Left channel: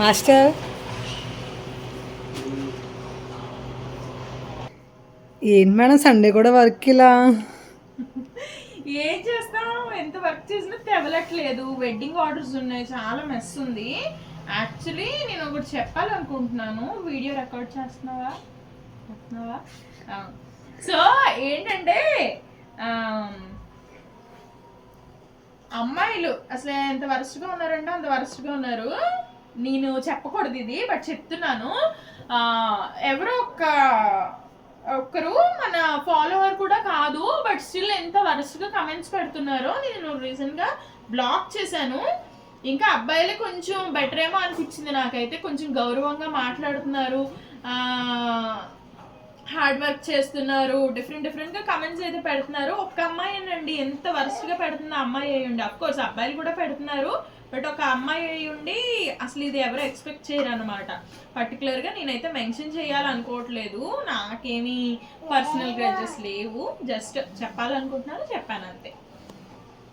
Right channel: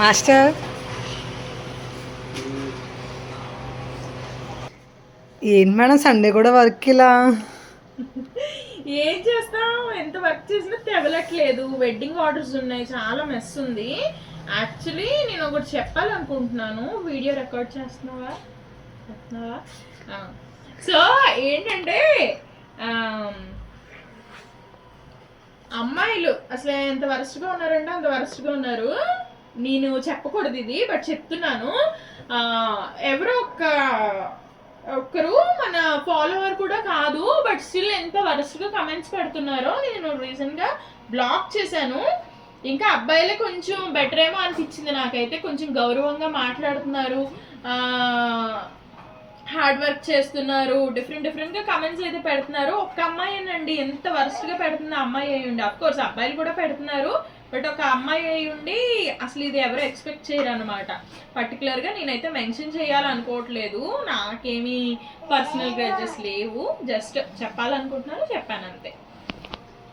Master ఏంటి madam Sunday కూడా work ఇలా? ఏం చేస్తాం, ఎంత వర్క్ చేసినా తెవలట్లేదు. వెడ్డింగ్ ఆర్డర్స్ ఉన్నాయి, చాలా మెస్ ఉంది. యాక్చువల్లీ నేను ఒకటి చెప్పాలనుకుంటున్నాను. వీడియో రికార్డ్ చేస్తున్నావా? సో ఏంటంటే అమ్మాయిలు అసలు ఎంత వరస్ట్గా ఉన్నారంటే అంత వరస్ట్గా ఉన్నారు. నేను చెప్పకూడదు ఇది, బట్ చెప్తున్నాను. ఎవరో ఒక్కరు మన ఫాలోవర్ కూడా కాదు, బట్ స్టిల్ ఎంత వరస్ట్గా కమెంట్స్ పెడుతున్నారో నేను రీసెంట్గా బ్లాక్ చేశాను. ఇంకా అబ్బాయిలే కొంచెం బెటర్ ఏమో అనిపించింది నాకైతే. కొంచెం గౌరవంగా మాట్లాడుతున్నారు, హార్డ్ వర్క్ చేస్తున్నారు, డిఫరెంట్గా కమెంట్స్ అయితే పెడుతున్నారు. ఒక్క అమ్మాయి అండి ఎంత వరస్ట్గా పెడుతుంది అమ్మాయి అయి ఉండి. అఫ్ కోర్స్ అబ్బాయిలు కూడా పెడుతున్నారు, బట్ ఒక అమ్మాయి అయి ఉండి అసలు ఇది ఎవరు ఎక్స్పెక్ట్ చేయరు అనమాట. పర్టికులర్గా నేనైతే మెన్షన్ చేయాలనుకోవట్లేదు, నాకేమీ పర్సనల్ గ్రడ్జెస్ లేవు, జస్ట్ చెప్పాలనుకుంటున్నాను, చెప్పాను అంతే.